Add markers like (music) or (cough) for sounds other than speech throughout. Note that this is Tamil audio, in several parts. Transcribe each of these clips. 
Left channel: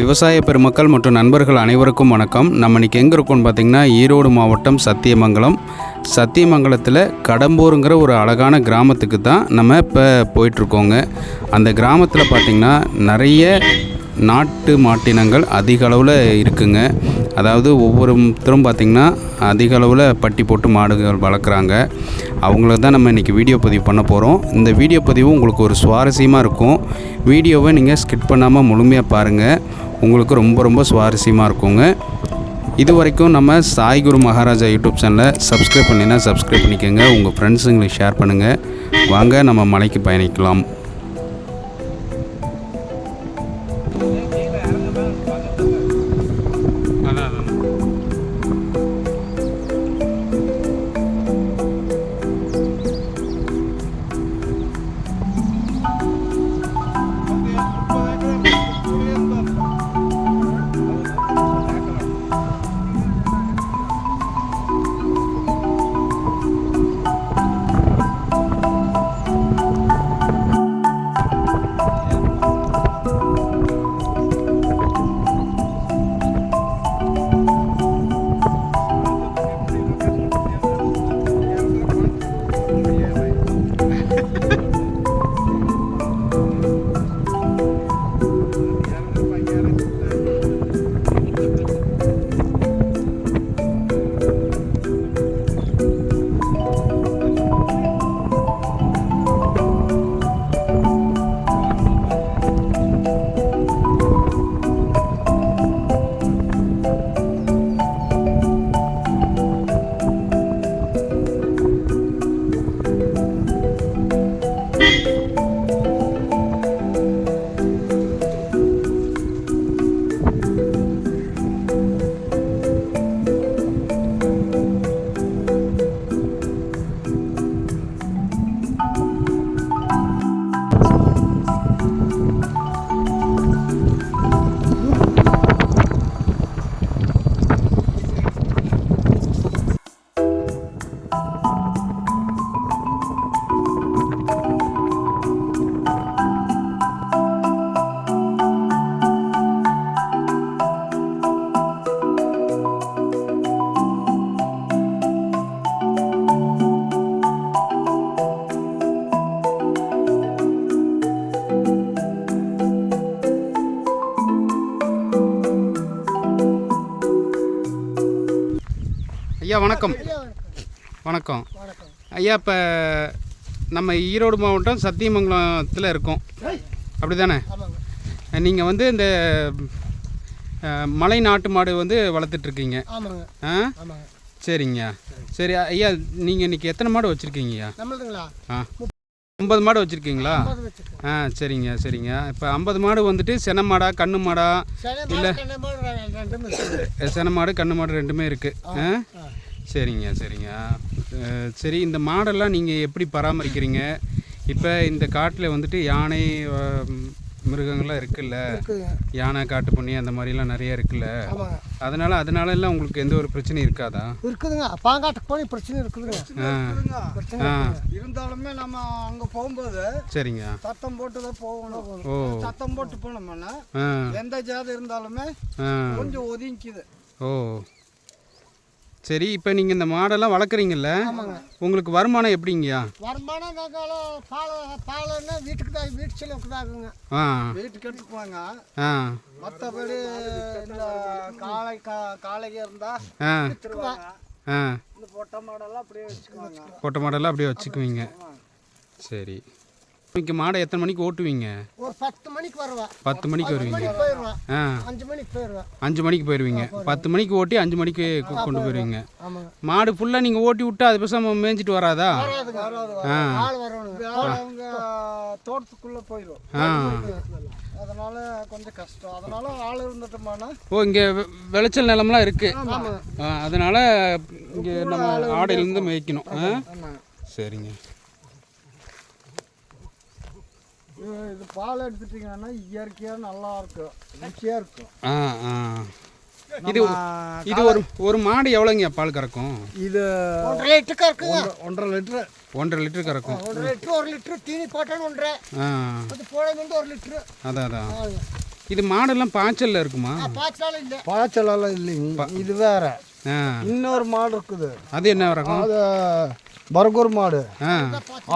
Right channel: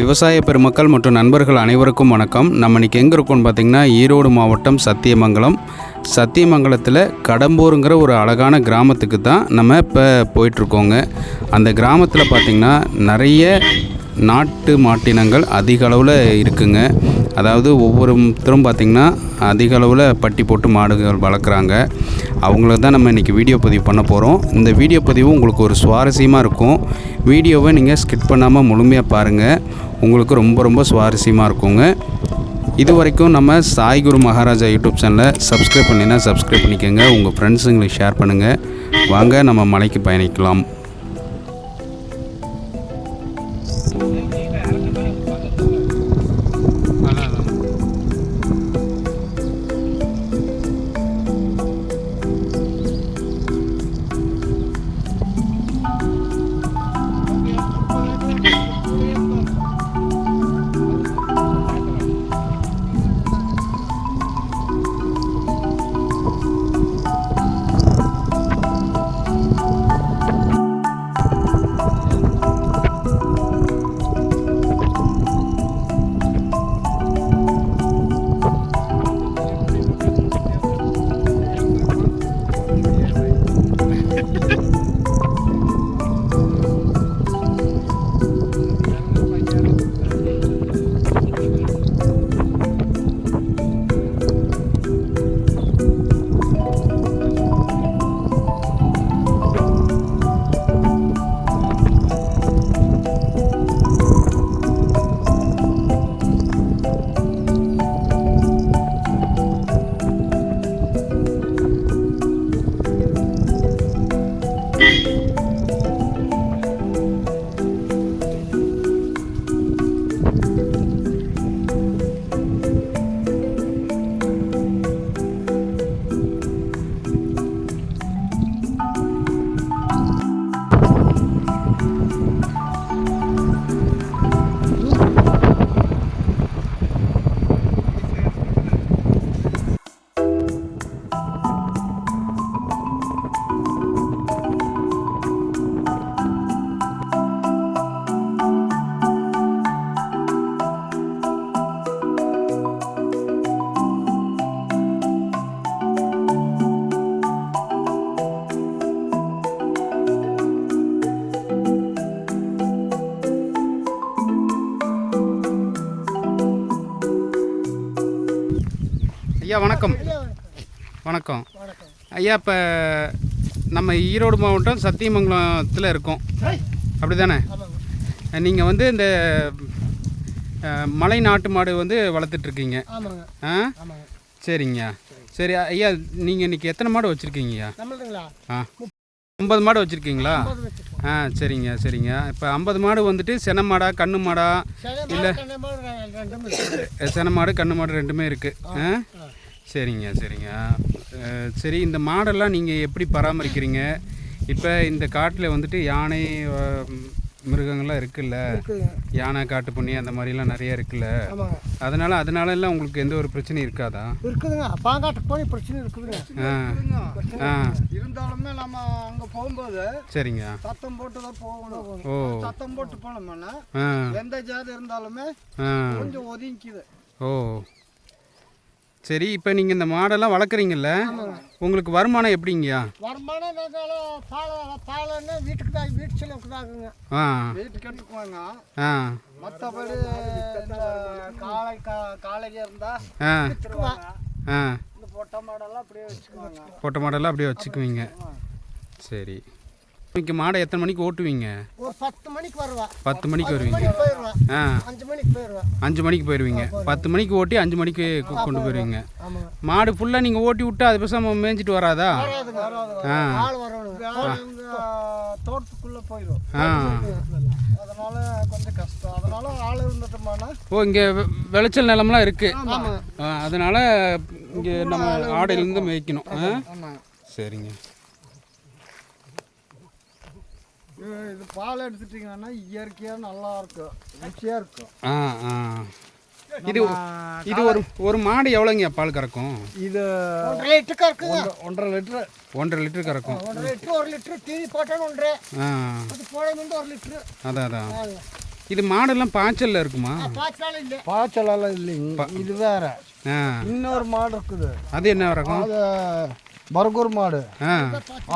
விவசாய பெருமக்கள் மற்றும் நண்பர்கள் அனைவருக்கும் வணக்கம். நம்ம இன்னைக்கு எங்கே இருக்கோம்னு பார்த்தீங்கன்னா ஈரோடு மாவட்டம் சத்தியமங்கலம். சத்தியமங்கலத்தில் கடம்பூருங்கிற ஒரு அழகான கிராமத்துக்கு தான் நம்ம இப்போ போயிட்டுருக்கோங்க. அந்த கிராமத்தில் பார்த்திங்கன்னா நிறைய நாட்டு மாட்டினங்கள் அதிக அளவில் இருக்குங்க. அதாவது ஒவ்வொருத்தரும் பார்த்திங்கன்னா அதிக அளவில் பட்டி போட்டு மாடுகள் வளர்க்குறாங்க. அவங்கள தான் நம்ம இன்றைக்கி வீடியோ பதிவு பண்ண போகிறோம் இந்த வீடியோ பதிவு உங்களுக்கு ஒரு சுவாரஸ்யமாக இருக்கும். வீடியோவை நீங்கள் ஸ்கிப் பண்ணாமல் முழுமையாக பாருங்கள் உங்களுக்கு ரொம்ப ரொம்ப சுவாரஸ்யமாக இருக்குங்க. இது வரைக்கும் நம்ம சாய்குரு மகாராஜா யூடியூப் சேனலை சப்ஸ்கிரைப் பண்ணினா சப்ஸ்கிரைப் பண்ணிக்கோங்க. உங்கள் ஃப்ரெண்ட்ஸுங்களுக்கு ஷேர் பண்ணுங்கள் வாங்க நம்ம மலைக்கு பயணிக்கலாம். வணக்கம். வணக்கம். ஐயா இப்போ நம்ம ஈரோடு மாவட்டம் சத்தியமங்கலத்தில் இருக்கோம். அப்படி தானே நீங்கள் வந்து இந்த மலை நாட்டு மாடு வந்து வளர்த்துட்ருக்கீங்க. ஆ? ஆமாங்க சரிங்க சரி ஐயா நீங்கள் இன்றைக்கி எத்தனை மாடு வச்சுருக்கீங்கய்யா? ஆ. ஐம்பது மாடு வச்சுருக்கீங்களா? ஆ சரிங்க சரிங்க. இப்போ ஐம்பது மாடு வந்துட்டு சென மாடா கண்ணு மாடா? இல்லை. சென மாடு கண்ணு மாடு ரெண்டுமே இருக்குது ஆ. சரிங்க சரிங்க. சரி இந்த மாடெல்லாம் நீங்கள் எப்படி பராமரிக்கிறீங்க? இப்போ இந்த காட்டில் வந்துட்டு யானை மிருகங்கள்லாம் இருக்குல்ல. யானை காட்டு பண்ணி அந்த மாதிரிலாம் நிறைய இருக்குல்ல? அதனால் அதனால எல்லாம் உங்களுக்கு எந்த ஒரு பிரச்சனையும் இருக்காதா? இருக்குதுங்க. பாங்காட்டுக்கு போய் பிரச்சனை இருக்குதுங்க. ஆ ஆ. இருந்தாலுமே நம்ம அங்கே போகும்போது சரிங்க. சத்தம் போட்டு தான் போகணும். ஓ. சத்தம் போட்டு போனோம்னா எந்த ஜாதி இருந்தாலுமே கொஞ்சம் ஒதுங்கிக்குது. ஓ. சரி இப்போ நீங்கள் இந்த மாடெல்லாம் வளர்க்குறீங்கல்ல உங்களுக்கு வருமானம் எப்படிங்கய்யா? வருமானம் நாங்கள் பால் பாலன்னா வீட்டுக்கு தான் வீட்டு செலவுக்கு தான் ஆகுங்க ஆ. வீட்டுக்கு எடுத்துக்குவாங்க. ஆ. மற்றபடி காளை கா காளைங்க இருந்தால் ஆ. ஆ. இந்த பொட்டை மாடெல்லாம் அப்படியே வச்சுக்குவாங்க. பொட்டை மாடெல்லாம் அப்படியே வச்சுக்குவீங்க. சரி. இன்னைக்கு மாடை எத்தனை மணிக்கு ஓட்டுவீங்க? ஒரு பத்து மணிக்கு வருவா. பத்து மணிக்கு வருவீங்க. ஆ. அஞ்சு மணிக்கு போயிடுவா அஞ்சு மணிக்கு போயிடுவீங்க பத்து மணிக்கு ஓட்டி அஞ்சு மணிக்கு கொண்டு போயிடுவீங்க மாடு ஃபுல்லாக நீங்கள் ஓட்டி விட்டு அது பேசாமல் மேய்ஞ்சிட்டு வராதா? ஆ. தோட்டத்துக்குள்ளே போயிடும் ஆ. அதனால கொஞ்சம் கஷ்டம். அதனால ஆள் இருந்துட்டோம்னா ஓ இங்கே விளைச்சல் நிலம்லாம் இருக்குது அதனால் இங்கே நம்ம ஆடையிலேருந்து மேய்க்கணும். ஆ? சரிங்க. இது பால் எடுத்துட்டிங்கன்னா இயற்கையாக நல்லா இருக்கும். ருசியாக இருக்கும். ஆ ஆ. இது இது ஒரு ஒரு மாடு எவ்வளோங்க பால் கறக்கும்? இது ஒன்றரை லிட்டருக்கு இருக்குங்க ஒன்றரை லிட்டரு. ஒன்றரை லிட்டர் கறக்கும். ஒன்றரை லிட்டரு ஒரு லிட்டரு தீனி போட்டேன்னு ஒன்றரை. ஆ. அது வந்து ஒரு லிட்டரு. அதான் அதான் இது மாடெல்லாம் பாய்ச்சல்ல இருக்குமா? பாய்ச்சலெல்லாம் இல்லைங்க. இது வேற. ஆ. இன்னொரு மாடு இருக்குது. அது என்ன ரகம் அது பர்கூர் மாடு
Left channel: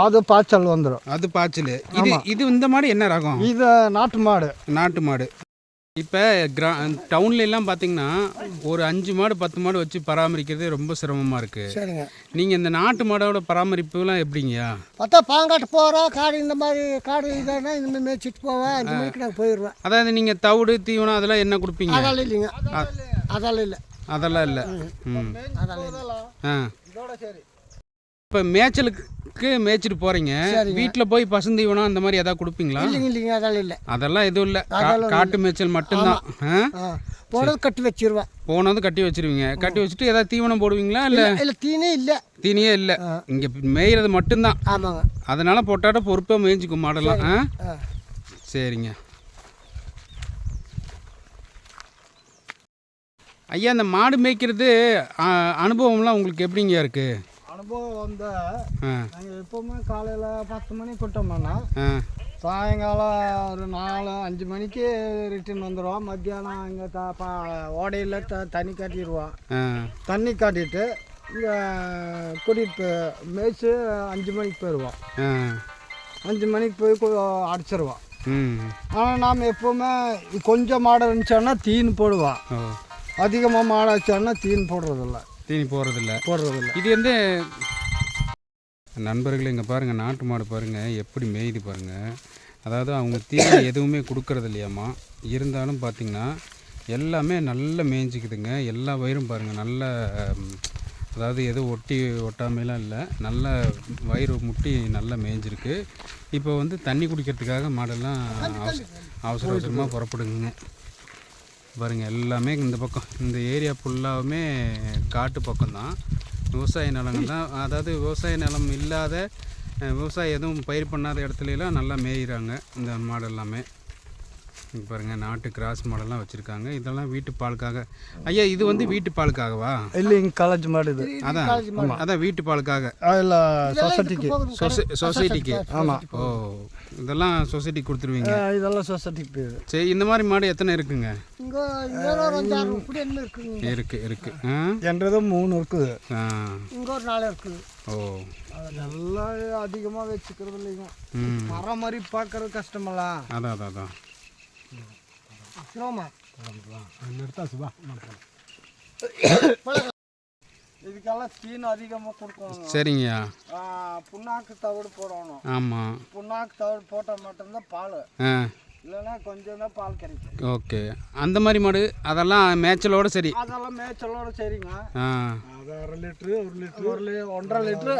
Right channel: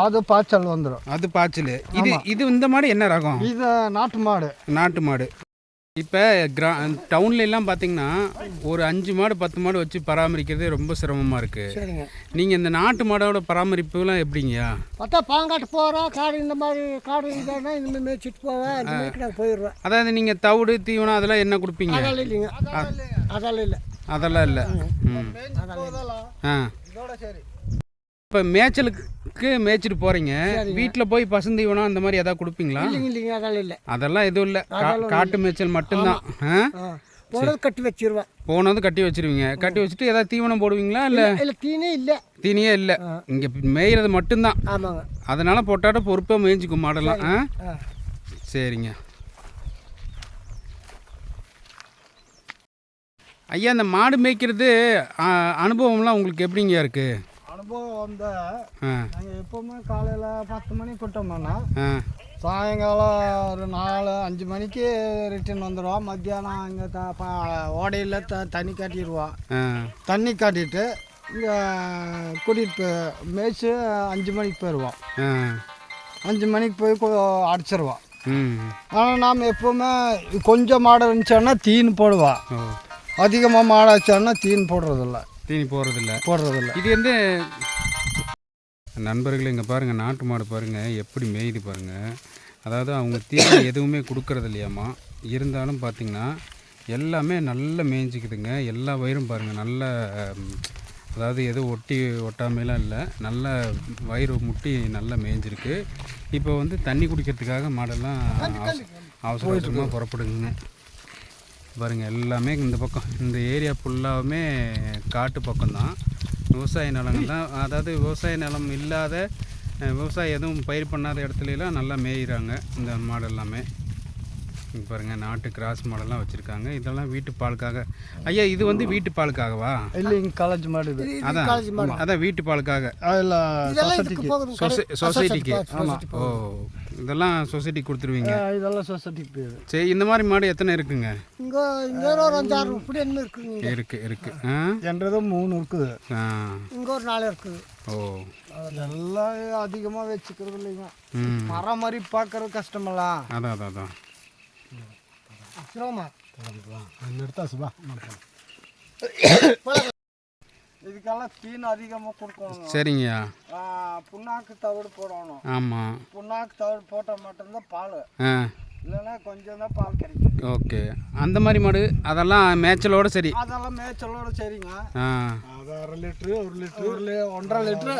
அது பாய்ச்சல் வந்துடும் அது பாய்ச்சல். இது இது இந்த மாடு என்ன ரகம்? இது நாட்டு மாடு. நாட்டு மாடு. இப்போ கிரா டவுன்ல எல்லாம் பார்த்தீங்கன்னா ஒரு அஞ்சு மாடு பத்து மாடு வச்சு பராமரிக்கிறதே ரொம்ப சிரமமாக இருக்குது நீங்கள் இந்த நாட்டு மாடோட பராமரிப்புலாம் எப்படிங்கய்யா? பார்த்தா பாங்காட்டு போகிறோம் காடு இந்த மாதிரி காடு இதானா இந்த மேய்ச்சிட்டு போவேன் போயிடுவேன். அதாவது நீங்கள் தவிடு தீவனம் அதெல்லாம் என்ன கொடுப்பீங்க? அதெல்லாம் இல்லைங்க. அதெல்லாம் இல்லை. அதெல்லாம் இல்லை. ம். ஆ. சரி. இப்போ மேய்ச்சலுக்கு மேய்ச்சிட்டு போகிறீங்க வீட்டில் போய் பசுந்தீவனம் அந்த மாதிரி எதாவது கொடுப்பீங்களா? இல்லைங்க அதெல்லாம் இல்லை. அதெல்லாம் எதுவும் இல்லை. காட்டு மேய்ச்சல் மட்டும்தான். போனது கட்டி வச்சிருவேன் போனது கட்டி வச்சிருவீங்க. கட்டி வச்சுட்டு ஏதாவது தீவனம் போடுவீங்களா இல்லை? இல்லை தீனே இல்லை. தீனியே இல்லை. இங்கே மேய்கிறது மட்டும்தான். ஆமாங்க. அதனால் போட்டாட்ட பொறுப்பாக மேய்ஞ்சிக்கும் மாடெல்லாம். ஆ? சரிங்க. ஐயா இந்த மாடு மேய்க்கிறது அனுபவம்லாம் உங்களுக்கு எப்படிங்க இருக்குது அனுபவம் வந்து நாங்கள் எப்போவுமே காலையில் பத்து மணிக்கு விட்டோம்னா ஆ. சாயங்காலம் ஒரு நாலு அஞ்சு மணிக்கு ரிட்டர்ன் வந்துடுவோம் மத்தியானம் இங்கே த ஓடையில் த தண்ணி காட்டிடுவோம். தண்ணி காட்டிட்டு இங்கே கூட்டிகிட்டு மேய்ச்சி அஞ்சு மணிக்கு போயிடுவோம் அஞ்சு மணிக்கு போய் அடிச்சிருவோம். ஆனால் நாம் எப்போவுமே கொஞ்சம் மாடு இருந்துச்சோன்னா தீன் போடுவோம். அதிகமாக மாடு வச்சோன்னா தீன் போடுறதில்ல. தீனி போகிறதில்ல போடுறதில்ல இது வந்து நண்பர்களே இங்கே பாருங்கள் நாட்டு மாடு பாருங்கள் எப்படி மேயுது பாருங்கள் அதாவது அவங்க தீனி (coughs) எதுவுமே கொடுக்கறது இல்லையாம்மா. இருந்தாலும் பார்த்தீங்கன்னா எல்லாமே நல்லா மேய்ஞ்சிக்குதுங்க. எல்லா வயிறும் பாருங்கள் நல்ல அதாவது எதுவும் ஒட்டி ஒட்டாமைலாம் இல்லை. நல்ல வயிறு முட்டி நல்லா மேய்ஞ்சிருக்கு. இப்போ வந்து தண்ணி குடிக்கிறதுக்காக மாடெல்லாம் அவச- அவசர அவசரமாக புறப்படுங்க பாருங்கள் எல்லாமே இந்த பக்கம் இந்த ஏரியா ஃபுல்லாகவுமே காட்டு பக்கம்தான். விவசாய நிலங்கள் தான். அதாவது விவசாய நிலம் இல்லாத விவசாயம் எதுவும் பயிர் பண்ணாத இடத்துலலாம் நல்லா மேயிறாங்க இந்த மாடு எல்லாமே பாருங்கள் நாட்டு கிராஸ் மாடெல்லாம் வச்சுருக்காங்க. இதெல்லாம் வீட்டு பாலுக்காக. ஐயா இது வந்து வீட்டு பாலுக்காகவா? இல்லைங்க காலேஜ் மாடு இது. அதான். அதான் வீட்டு பாலுக்காக. சொசைட்டிக்கு சொசைட்டிக்கு ஓ இதெல்லாம் சொசைட்டிக்கு கொடுத்துருவீங்க. இதெல்லாம் சொசைட்டிக்கு சரி இந்த மாதிரி மாடு எத்தனை இருக்குங்க? இருக்கு இருக்கு. ஆ? என்றது மூணு இருக்குது. ஆ. இங்கே ஒரு நாலு இருக்குது. ஓ. அதெல்லாம் அதிகமாக வச்சுக்கிறது இல்லைங்க. ம். பராமரிப்பு பார்க்கறது கஷ்டமெல்லாம். அதான் அதான் அதான். சிரமமா நிறுத்தா சுபா இதுக்கெல்லாம் தீன் அதிகமாக கொடுக்கணும் சரிங்கய்யா புண்ணாக்கு தவிடு போடணும். ஆமாம் புண்ணாக்கு தவிடு போட்டால் மட்டும்தான் பால். ஆ. இல்லைன்னா கொஞ்சம் தான் பால் கிடைக்கும். ஓகே. அந்த மாதிரி மாடு அதெல்லாம் மேய்ச்சலோட சரி. அதெல்லாம் மேய்ச்சலோட சரிங்க. ஆ. அது அரை லிட்ரு ஒரு லிட்ரு ஒரு லி- ஒன்றரை லிட்ரு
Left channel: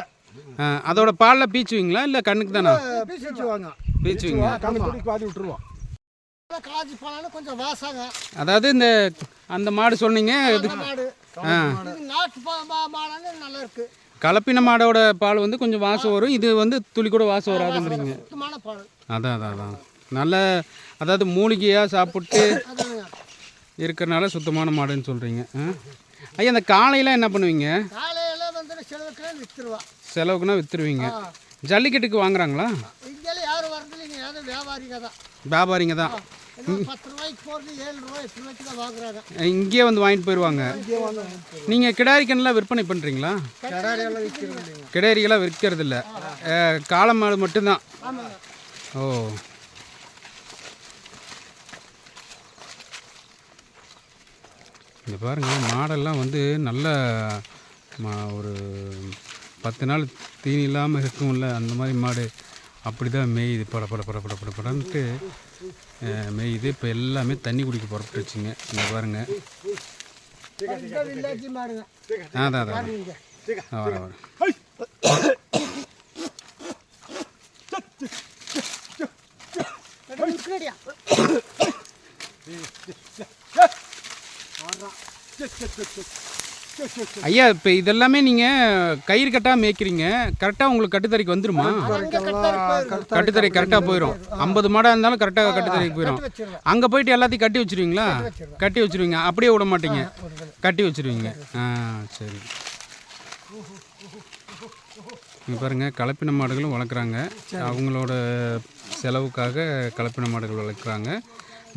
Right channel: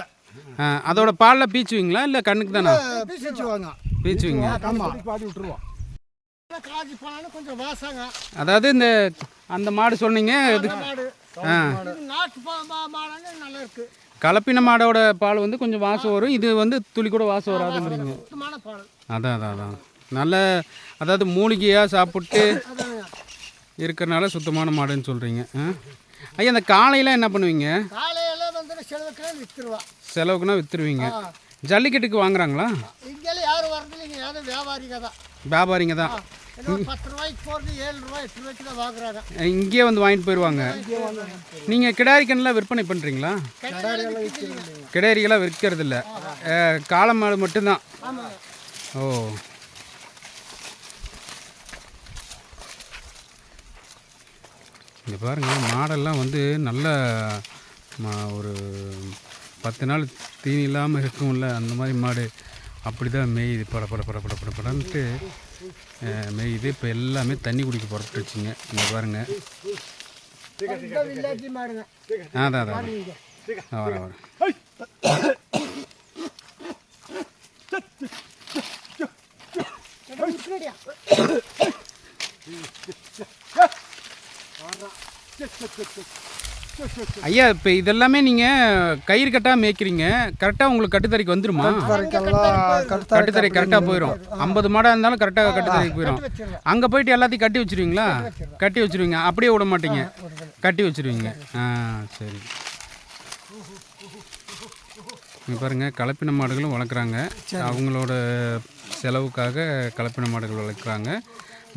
ஆ அதோட பாலில் பீச்சுவீங்களா? இல்லை கண்ணுக்கு தானா? பீச்சுவாங்க. பீச்சுவீங்க. பாதி விட்டுருவோம். போனாலும் கொஞ்சம் வாசங்க. அதாவது இந்த அந்த மாடு சொன்னீங்க இது ஆ. இது நாட்டு பா- மா- மாடானே நல்லா இருக்கு. கலப்பின மாடோட பால் வந்து கொஞ்சம் வாசம் வரும். இது வந்து துளி கூட வாசம் வராதுங்கிறீங்க. அதான் அதான் அதான். நல்ல அதாவது மூலிகையாக சாப்பிட்டு இருக்கிறனால சுத்தமான மாடுன்னு சொல்கிறீங்க ஐயா இந்த காலையில் என்ன பண்ணுவீங்க? செலவுக்குன்னா விற்றுருவீங்க ஜல்லிக்கட்டுக்கு வாங்குறாங்களா? வியாபாரிங்க தான். வியாபாரிங்க இங்கேயே வந்து வாங்கிட்டு போயிடுவாங்க நீங்கள் கிடாரி கண்ணெலாம் விற்பனை பண்ணுறீங்களா கிடாரிகளாக விற்கிறது இல்லை காளை மாடு மட்டும்தான். ஓ. இங்கே பாருங்கள் மாடெல்லாம் வந்து நல்ல ஒரு பத்து நாள் தீனி இல்லாமல் இருக்கும்ல அந்த மாதிரி மாடு. அப்படி தான் மேயுது பட பட பட பட படன்ட்டு. மேயுது இப்போ எல்லாமே தண்ணி குடிக்க புறப்பட்டுருச்சுங்க இங்கே பாருங்கள் இந்த அதான் அதான் அதான். வரேன் வரேன் ஐயா இப்போ இதெல்லாமே நீங்கள் கயிறு கட்டாக மேய்க்கிறீங்க. கரெக்டாக உங்களுக்கு கட்டுத்தரைக்கு வந்துருமா? கட்டுத்தரை கரெக்டாக போயிடும் ஐம்பது மாடாக இருந்தாலும் கரெக்டாக கட்டுத்தரைக்கு போயிடும் அங்கே போயிட்டு எல்லாத்தையும் கட்டி வச்சிருவீங்களா? கட்டி வச்சிருவீங்க. அப்படியே விட மாட்டீங்க. கட்டி வச்சிருவீங்க. ஆ சரி. இங்க பாருங்க கலப்பின மாடுகளும் வளர்க்குறாங்க. அவங்களோட செலவுக்காக கலப்பின மாடுகள் வளர்க்குறாங்க.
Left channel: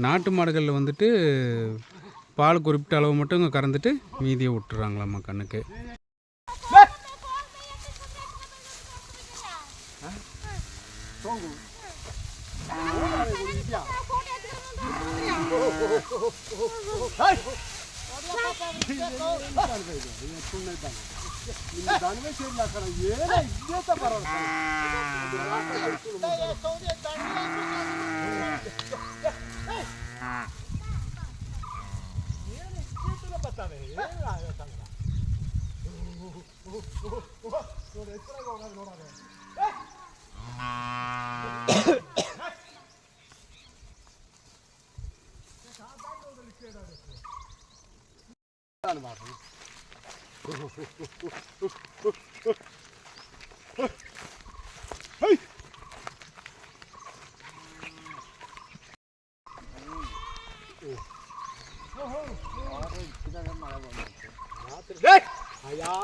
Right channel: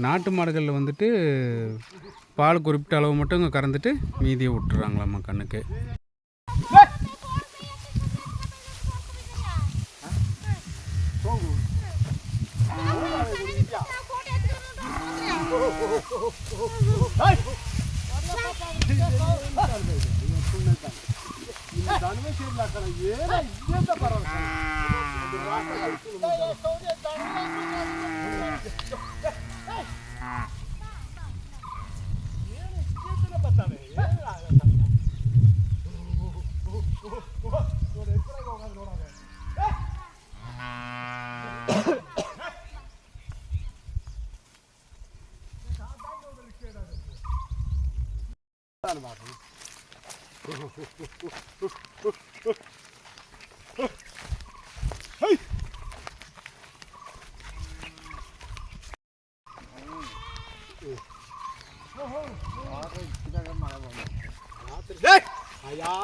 நாட்டு மாடுகளில் வந்துட்டு பால் குறிப்பிட்ட அளவு மட்டும் இங்கே கறந்துட்டு மீதியை விட்டுறாங்களாம்மா கண்ணுக்கு பரவாயில்ல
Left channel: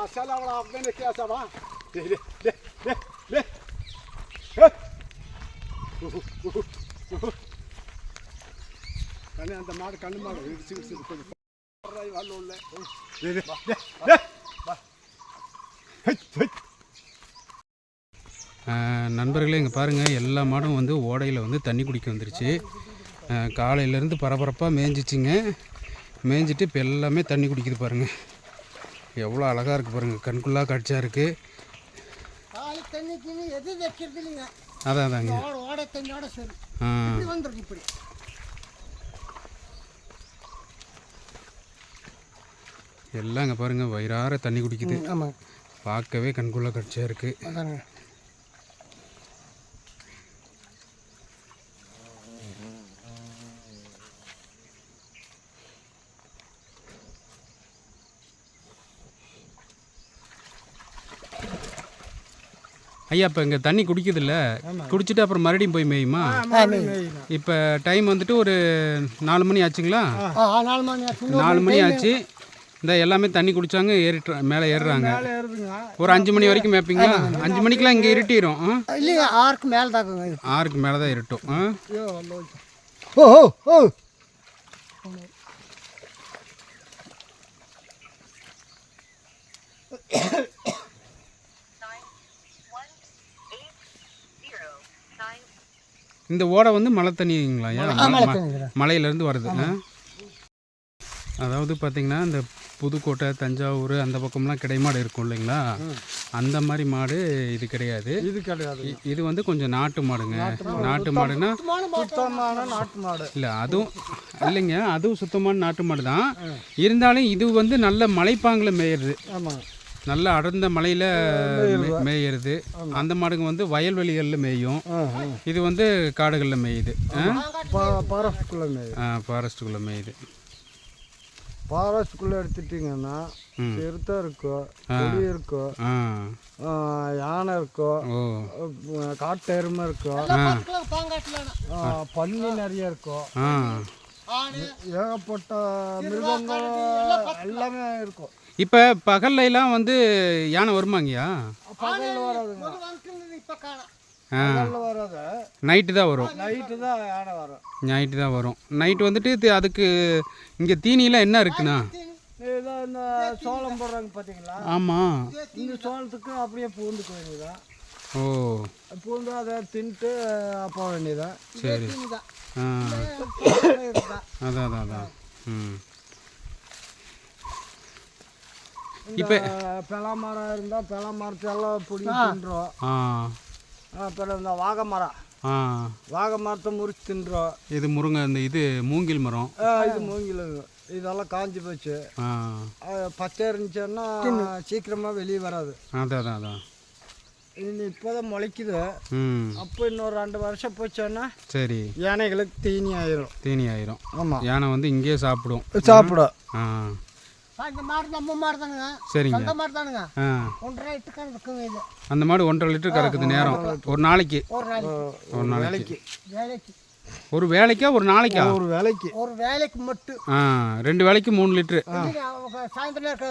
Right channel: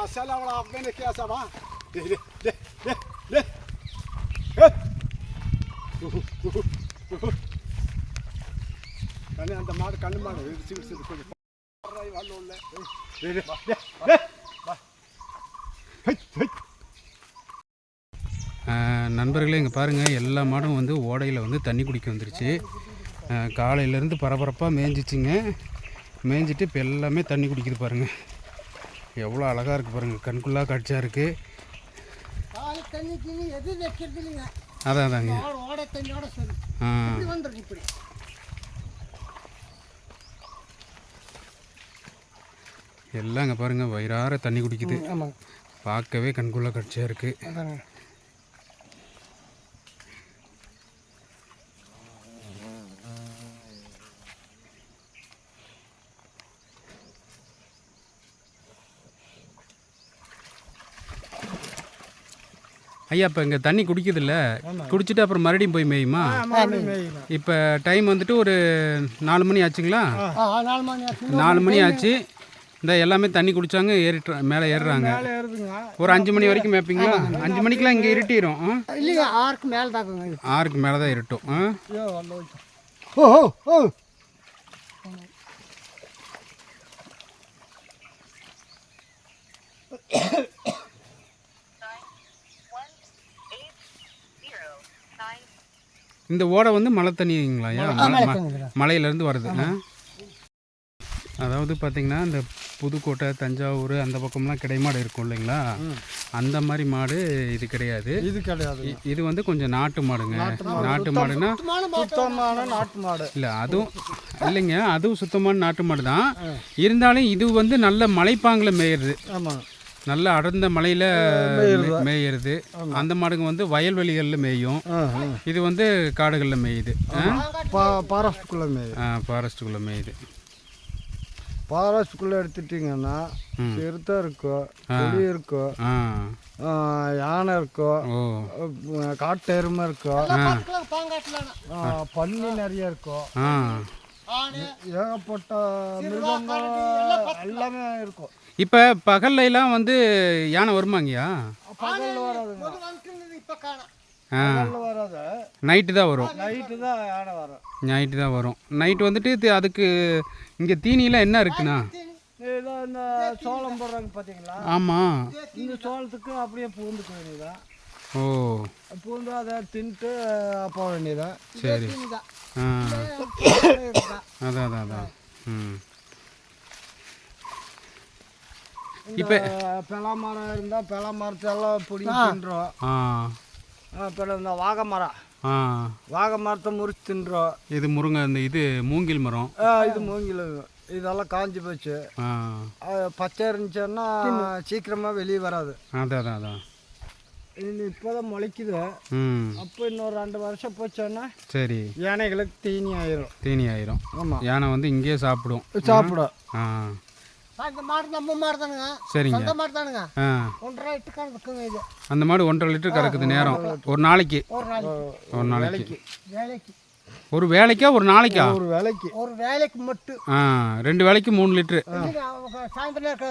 selam ala beni kıyasa bak. De de de de de. கண்ணு அந்த மாடு கண்ணு மாடு இடிச்சு இடிச்சு கொஞ்சம் வரல உள்ள நண்பர்களே இங்கே பாருங்கள் எல்லா மாடும் வந்து ஓடையில் வந்து தண்ணி குடிக்க வந்துருச்சு. காலையிலேருந்து பரபரப்பாக மேய்ஞ்சிச்சிங்க மேய்ஞ்சிட்டு இப்போ எல்லாமே தண்ணி குடிக்குது பாருங்கள் எவ்வளோ அழகாக இருக்குது பாருங்கள் கண்குள்ளா காட்சியாக இருக்குது அதான் அதாங்க. ஆ. இங்கே பாருங்கள் வயிறார தண்ணி குடிக்குது. பார்க்கவே கண்குள்ளா காட்சியாக இருக்குது ஐயா இப்போ இங்கே தண்ணி குடிக்குதுல்ல? குடிச்சிட்டு அப்புறம் மறுபடியும் போய் மேயுமா? இப்போ டைம் வந்துட்டு ஒரு நாலு மணி ஆச்சுங்களா? நாலு மணி ஆச்சு. இந்த எல்லாமே தண்ணி குடிச்சாங்க ஏறிட்டு மேலே ஏறுறாங்க. ஒரு அஞ்சு மணி வரைக்கும் மேய்ப்பீங்களா? அஞ்சு மணிக்கெலாம் இங்கே இருட்டிடும் ஆறுக்கு மேலே இது. ஆறுக்கு மேலே தான் இருட்டும். ஆ? ஐயோ வந்து வச்சு ஓ ஓ ஓ இந்த ஓடை வந்து மழை தண்ணிங்களாயா மலை ம- மலையிலேருந்து வருது? அதாவது பார்த்தீங்கன்னா இந்த புதுக்கோட்டை தஞ்சாவூர் அந்த பக்கம்லாம் கிடைமாடு இருக்கும் இல்லைங்களா? அந்த மாதிரி மாடு இது கிடையாது. இது கிடையாது. இது வந்து கொஞ்சம் நாட்டு மாடுங்க. நாட்டு மாடுனா சுத்தமான நாட்டு மாடு. இல்லை அதுவும் இல்லைங்க அதுவும் சுத்தமான நாட்டு மாடு தான். இருந்தாலும் இது வந்து நல்ல மலைப்பாங்கில் ஆமாங்க நல்ல அடர்ந்த மலையில் மேயிறது. அந்த மாடுங்க வந்து வயல்வெளிகளில் மேயும். ஆ ஆ. இது வந்து காடுகளில் மேயுது. ஃபாரஸ்ட்டுக்குள்ளே மேய் ஃபாரஸ்ட்டுக்குள்ளே மேயுது. ஃபாரஸ்ட்டுக்குள்ளே எடுத்துட்டிங்கன்னா. சிறுத்தை இருக்கும் புலி இருக்கும் ஆ. ஆ, யானை இருக்கும் காட்டு எருமை இருக்கும் ஆ, பன்னி நிறைய இருக்கும் ஆ. ஏகப்பட்ட மிருகங்கள் எல்லாமே இருக்கும். இப்போ பகல்லைலாம் வந்து யானை வருமாங்கய்யா? பகல்ல வராதுங்க. வராது. நைட்டு தான் வரும். நைட்டு தான் யானை வரும். நைட்டு தான் வரும். நைட்டு வந்துட்டு அதுக்கு இங்கே தீனிலாம் என்ன இருக்குண்ணா? இதான் இந்த சோளம் போடுறாங்க பார்த்தீங்களா ஆமாம் இந்த சோளத்துக்கு அப்படியே பூந்துக்க வேண்டியதான் ஓ. பூந்து அதை தின்ட்டு போக வேண்டியதான் சரி. ஆ. அதான் அதான் அதான். ம். இப்போ பலா மரம் இருந்தால் பலா மரத்தெல்லாம் பிடிங்கி தின்றோம். அப்புறம் இந்த வாகை மரம் வாகை மரத்தை முறிச்சு தின்றோம். இது முருங்கை இந்த இது மூங்கில் மரம். இது மூங்கில் இதெல்லாம் காஞ்சி போச்சு. பச்சை இருந்துச்சுன்னா சீக்கிரமாக வெளியே வராது. அதான் அதான் அதான் இது இப்போதான் முளைக்குது. அப்போ இன்னொரு ரெண்டு வருஷம் போச்சோன்னா சரி. யானைகளுக்கு தீனி ஆயிரும். தீனி ஆயிரும். ஆமாம் யானை வந்து இங்கேயே சாப்பிடும். சாப்பிடும். ஆ. அந்த மாடு நம்ம மாடு தானுங்க சரிங்க. அந்த மாடு தானுங்க ஆ. ஒன்றரை எட்டுக்கான இருக்குங்க இது. அந்த மாடு ஒன்றரை லிட்டர் கறக்குது நேரம். ஒரு நாளைக்கு. ஒரு நாளைக்கு. ஒரு நாளைக்கு. வேலைக்கு. ஒரு வேலைக்கா ஒரு நாளைக்கா? ஒரு வேலைக்கு. ஒரு வேலைக்கு மட்டும். ஆ ரெண்டு வேலைக்கு மூணு அவங்க சாயந்தரம்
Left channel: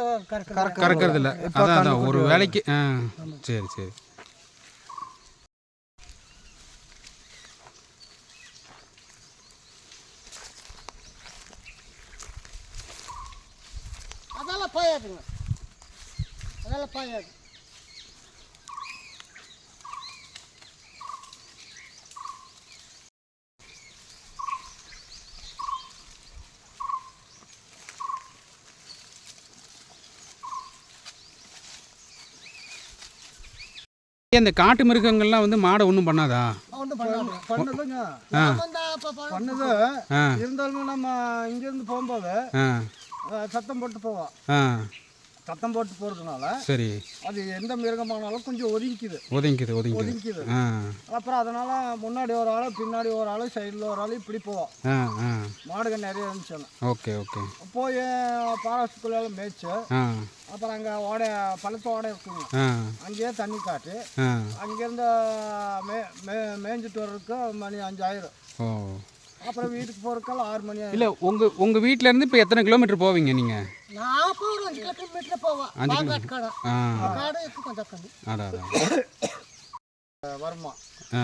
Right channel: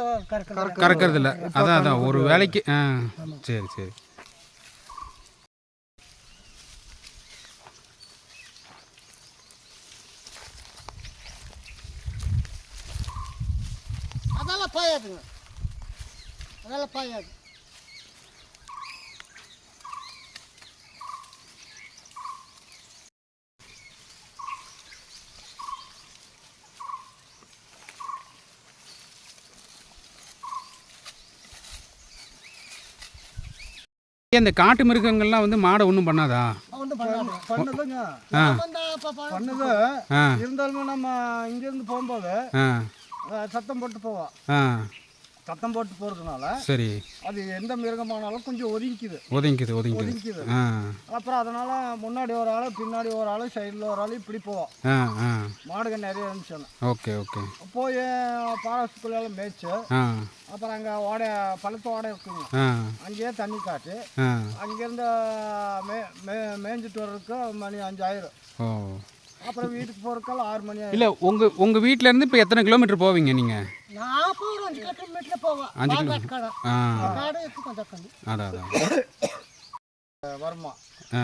கறக்கிறது. இல்லை அதான் அதான். ஒரு வேலைக்கு ஆ. சரி சரி அதெல்லாம் பாயாதுங்க. அதெல்லாம் பாயாது. இந்த காட்டு மிருகங்கள்லாம் வந்து மாடை ஒன்றும் பண்ணாதா? பண்ணதுங்க. பண்ணது. இருந்தாலுமே நம்ம இங்கேருந்து போகும்போது சத்தம் போட்டு போவோம் சத்தம் போட்டு போகிறதுனால சரி. அது எந்த மிருகமானாலும் கொஞ்சம் ஒதுங்கிக்குது. ஒதுங்கிக்குது ஒதுங்கிக்குது. ஒதுங்கிக்குது. அப்புறம் அதனால முன்னாடி ஒரு ஆள் பின்னாடி ஒரு ஆள் சைடில் ஒரு ஆள் இப்படி போவோம் மாடுங்க நிறைய இருந்துச்சுன்னு ஓகே ஓகே. போய் பாரஸ்குள்ளால மேய்ச்சு அப்புறம் அங்கே ஓடை பழுத்த ஓடை இருக்குங்க. அங்கேயே தண்ணி காட்டு அங்கேருந்து மே மே மேய்ஞ்சிட்டு வர்றதுக்கு மணி அஞ்சாயிரம். ஓ. அப்புறம் வீட்டுக்கு போகிறதுக்கெல்லாம் ஆறு மணி ஆயிரும் இல்லை உங்கள் உங்கள் வீட்டிலேருந்து இப்போ எத்தனை கிலோமீட்டர் போவீங்க நீங்கள் நான் போய் ஒரு அஞ்சு கிலோமீட்டர் போவேன். அஞ்சு பால்காட்டு கடை. ஆ. காடு இருக்கு கொஞ்சம் கம்மி. அதான் அதான் வருமா. ஆ.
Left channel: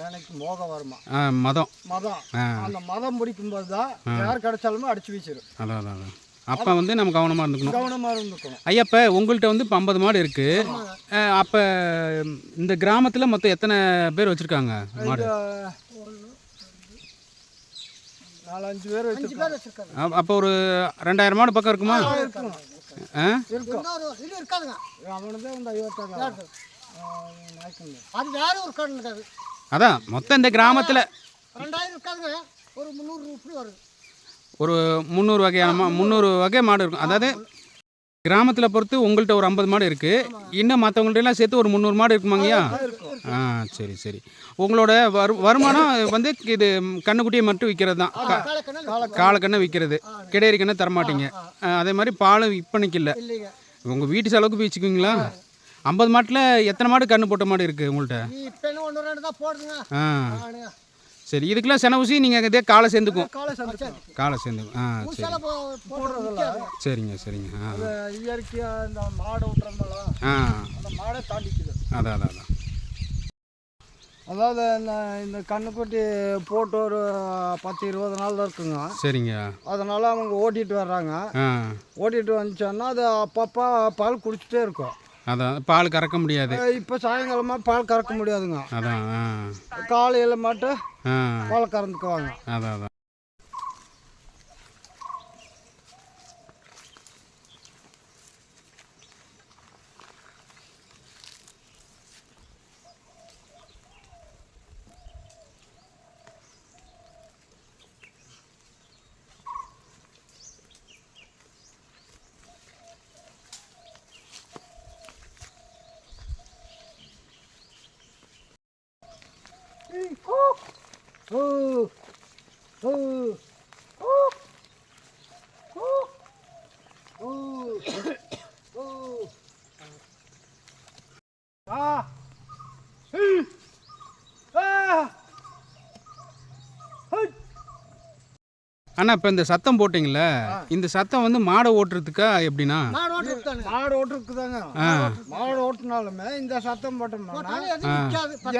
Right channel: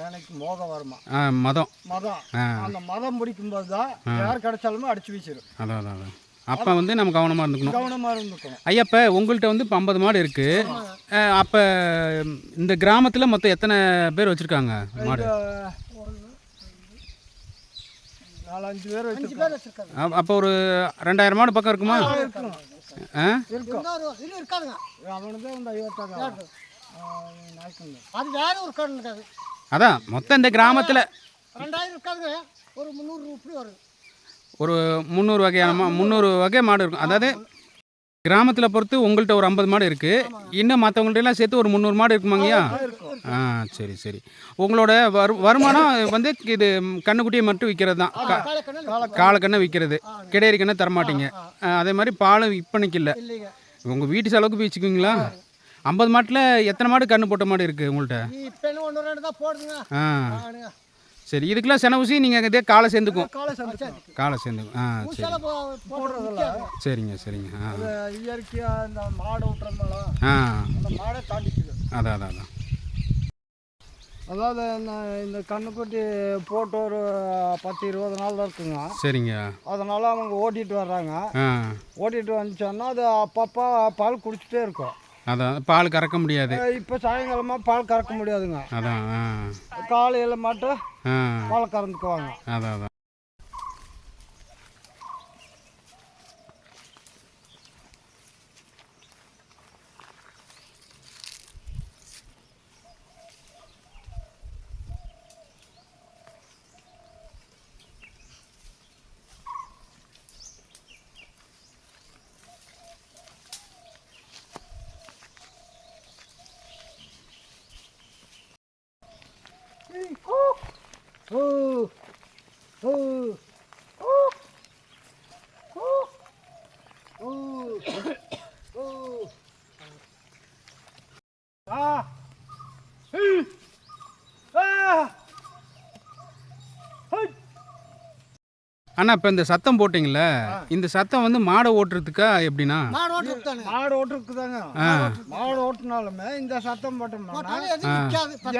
எனக்கு மோக வருமா. ஆ மதம். மதம். ஆ. அந்த மதம் முடிக்கும்போது தான் யார் கிடைச்சாலுமே அடிச்சு வீசிடும் அதான் அதான் அதான் அப்போ வந்து நம்ம கவனமாக இருந்துக்கணும். கவனமாக இருந்துக்கணும். ஐயா இப்போ உங்கள்கிட்ட வந்து இப்போ ஐம்பது மாடு இருக்குது அப்போ இந்த கிராமத்தில் மொத்தம் எத்தனை பேர் வச்சுருக்காங்க மாடு? நாலஞ்சு பேர் அஞ்சு பேர் வச்சிருக்காங்க. அப்போ ஒரு ரெண்டாயிரம் மாடு பக்கம் இருக்குமா? ஆ இருக்கும். இன்னொரு இது இருக்காதுங்க அவனுக்கு இந்த ஐவத்தாங்க நாய்க்குங்க. அது வேற ஒரு கடல் இருக்காது அதான் மொத்தம் இந்த கிராமத்தில் ரெண்டாயிரம் இருக்காதுங்க. ஒரு முந்நூறு இப்படி வருது ஒரு முந்நூறு வகையான முந்நூறு வகை மாடு இருக்கும். அதாவது கிராமத்தில் பொறுத்து உங்கள்கிட்ட ஒரு ஐம்பது மாடு இருக்குது இன்னும் மற்றவங்கள்ட்ட எல்லாம் சேர்த்து ஒரு முந்நூறு மாடு இருக்குமாங்கய்யா இருக்கும் ஆ சரி சரி. உங்களோட வரு வருமானம் வந்து இது கண்ணுக்குட்டியை மட்டும் விற்கிறது தான் காலக்கண்ணை விற்கிறது கிடையறி கண்ணை தரமாட்டீங்க அதே மாதிரி பாலும் விற்பனைக்கு இல்லை. உங்கள் வீட்டு செலவுக்கு வச்சுக்குவீங்களா? ஐம்பது மாட்டில் எத்தனை மாடு கண்ணு போட்ட மாடு இருக்குது உங்கள்கிட்ட ஆ. சரி இதுக்கெல்லாம் செனவுசி நீங்கள் இதே காலை சேர்ந்துக்கும். காலை சேர்ந்துக்கும். ஆ சரி. போடுறதில்ல. சரிங்க சரிங்க. ஆ. அது இயற்கையாக இந்த மாடு விட்டுறதுனால ஆ. அந்த மாடை தாண்டிக்குது. அதான் அதான் அதான் அதாவது இந்த இந்த கண்ணுக்குட்டி போட்டு ஒரு பத்து இருபது நாள் தான் இருக்குங்க. சரிங்க. அதனால அவங்க ஓட்டிட்டு வர்றாங்க. ஓட்டிட்டு வந்துச்சோன்னா அது அப்பப்போ பால் குடிச்சிட்டே இருக்கும். அதான் பால் கறக்க முடியாது. இப்போ சாயங்காலமாக பால் கறக்க முடியாதுங்க. அதான் காலையில் மட்டும் பால் கறந்துக்குவாங்க. அதான் அதான் ஓ ஓ ஓ ஓ ஓ ஆ ஹீ ஆ ஹை அண்ணா இப்போ இந்த சத்தம் போட்டிங்களே இந்த சத்தம் வந்து மாடை ஓட்டுறதுக்கா எப்படின்னா மாடு ஓட்டுறதுக்குதாங்க. ஆ. மாடு ஓட்டுனாலுமே இந்த சத்தம் போட்டோம்னா.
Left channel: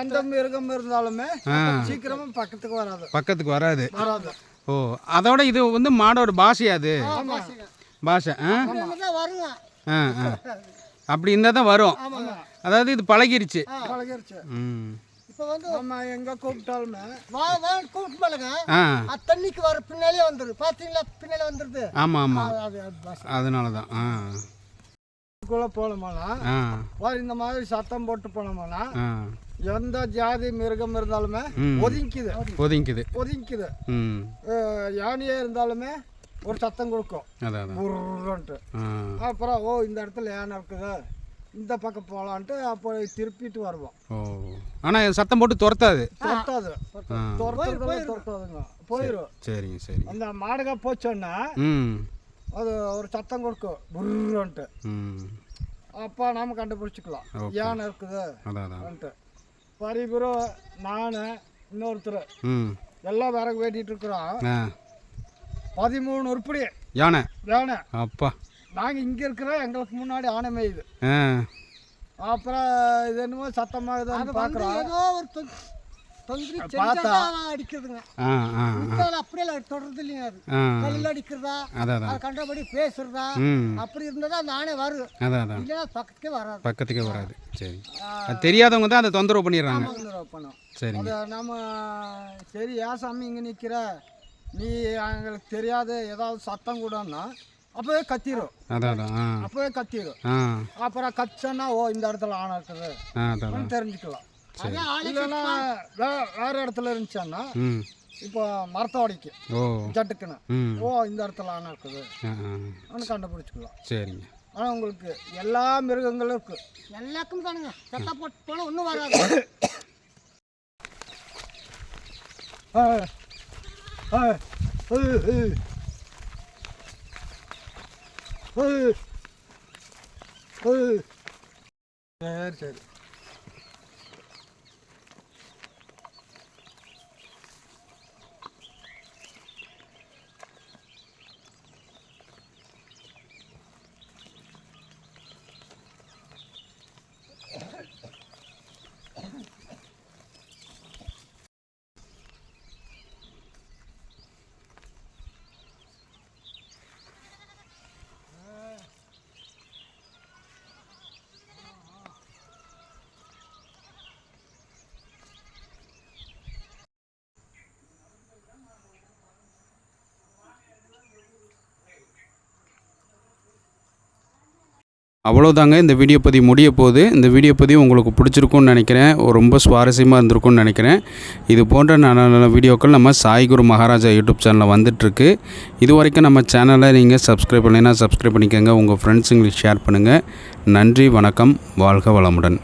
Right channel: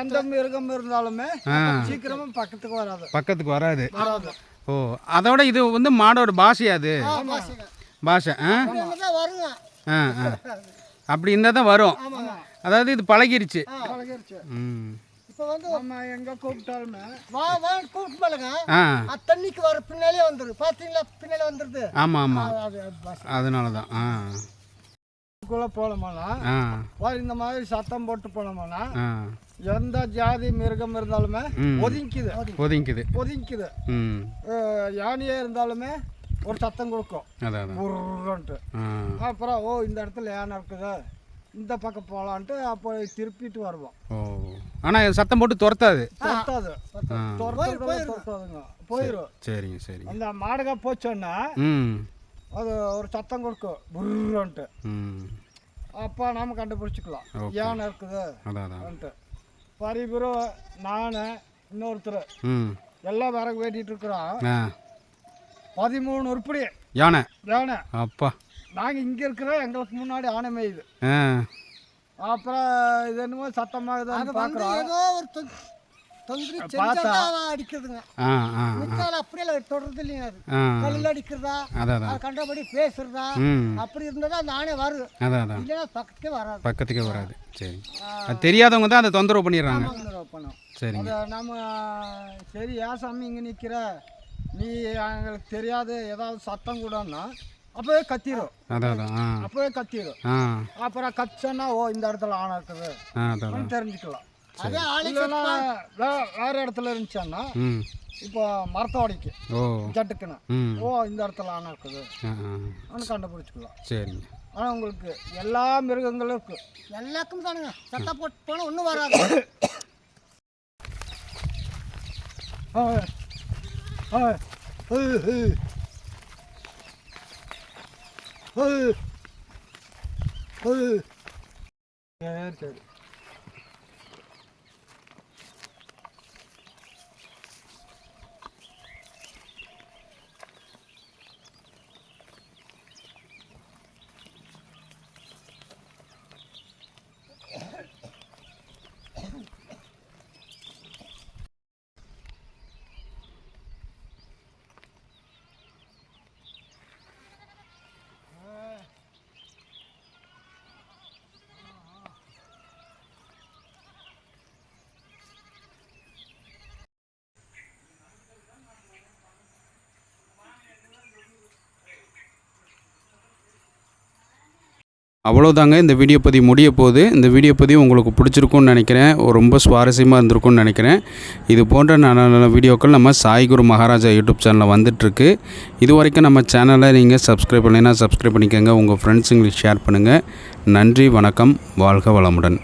எந்த மிருகம் இருந்தாலுமே ஆ. சீக்கிரமா பக்கத்துக்கு வராது. பக்கத்துக்கு வராது. வராது. ஓ அதோட இது வந்து மாடோட பாஷையா அது. பாஷை ஆ? ஆ ஆ. அப்படி இருந்தால் தான் வரும். அதாவது இது பழகிருச்சு. பழகிருச்சு. ம். இப்போ வந்து நம்ம எங்க கூப்பிட்டாலுமே. வா வா கூப்பிட்டு மேலங்க தண்ணிக்கு வர பின்னாலே வந்துடுது பார்த்தீங்களா பின்னாலே வந்துடுது ஆமாம் ஆமாம். அதனால தான் ஆ. குள்ள போனோம்னா இந்த மாதிரி சத்தம் போட்டு போனோம்னா எந்த ஜாதி மிருகம் இருந்தாலுமே. ஒதுங்கிக்குது. ஒதுங்கிக்குது. ஒதுங்கிக்குது. யானையே இருந்தாலுமே ஒரு சத்தம் கொடுக்கும். அப்புறம் ஓ இந்த இடத்துல யானை இருக்குது. இந்த பக்கம் போகலான்ட்டு அப்போ திருப்பிட்டு வருவோம். ஓ. ஆனால் சத்தம் போட்டு துரத்தாது. துரத்தாது. ஆ. துரத்துறதெல்லாம் துரத்தாதுங்க. போயிடும் சரிங்க சரிங்க. அந்த மாடுக போச்சோன்னா ம். அது ஒரு சத்தம் கொடுக்கும். புர்ன்ட்டு அப்போ நாம கண்டுபிடிச்சிக்கலாம். யானை இருக்குது? பரிபுரம் நான் இன்னொருத்தர். ம். எல்லாம் விறகு வெட்டிட்டு இருக்கிறோம். பதிமூணு உருப்படி. யானை. யானை. அப்பா. நாங்கள் இங்கே இருக்கிறோம் எங்களுக்கு முன்னாடி ஆனை மேயுது. அப்புறம் இது என்னமோ சத்தமாகுதுன்னு பார்க்குறோம் ஏதோ ஒரு து- தொந்தரி பார்த்தா. செஞ்சா அடிக்குதுங்க ஆ ஆ. மித்தால அப்படியே இல்லை, தொடர்றது இல்லைங்க அது கல்லில் அடிக்கிறதா அது கண்டபடி பேசுறதா அப்படி இருந்தால் தான் அந்த ஆணை வரும். இல்லைன்னா பக்கத்தே வராது. பக்கத்துக்கே வராது. சரி. அது தெரியாதவங்க தான் அதை தொந்தரவு பண்ணிடுறாங்க. தொந்தரவு பண்ணும். சரிங்க. அதை நம்ம சரி ஏன் சாமி இங்கே நிற்கிற நீ எங்களுக்கு தெரியாது ஏதாவது சத்தம் கூடன்னா அப்போவே கத்திரும். அதான் அதான் ஆ. அப்போவே கத்திரும். ஆ. அப்புறம் கச்சன்னா ஓ இந்த இடத்துல ஆணை இருக்குது. ஆ தெரிஞ்சுக்கலாம். இல்லைன்னா வேறு இடத்துல இருந்துச்சுன்னா இப்போ மரத்தோடைக்கு ஜட்டுக்குன்னு. ஓ இந்த இடத்துல ஆணை இருக்குது. ஆ ஆ. அப்படின்னு கண்டுபிடிச்சிக்கலாம். சரிங்க. ஆனால் உங்களுக்கு எல்லா மிருகங்களும் இருக்குது எல்லாருக்கும் தானுங்க. சத்தம் போட்டு போனால் ஒன்றும் வராது. ஏய், ஏய், 헐. 헐. 네, 네. அவ்வளோதாங்க இந்த வீடியோ பதிவு முடிய போகுது இந்த வீடியோ பதிவு உங்களுக்கு பிடிச்சிருக்கும்னு நினைக்கிறேன். ரொம்ப சுவாரஸ்யமாக இருந்திருக்கும்னு நினைக்கிறேன். இது போன்ற நல்ல நல்ல வீடியோக்கள் நம்ம சாய்குரு மகாராஜா யூடியூப் சேனலில் வந்துட்டுருக்கு. இது வரைக்கும் நம்ம சேனலை நீங்கள் சப்ஸ்கிரைப் பண்ணலைன்னா சப்ஸ்கிரைப் பண்ணிக்கோங்க. உங்கள் ஃப்ரெண்ட்ஸுங்களுக்கு ஷேர் பண்ணுங்கள் நன்றி வணக்கம். வாழ்க வளமுடன்.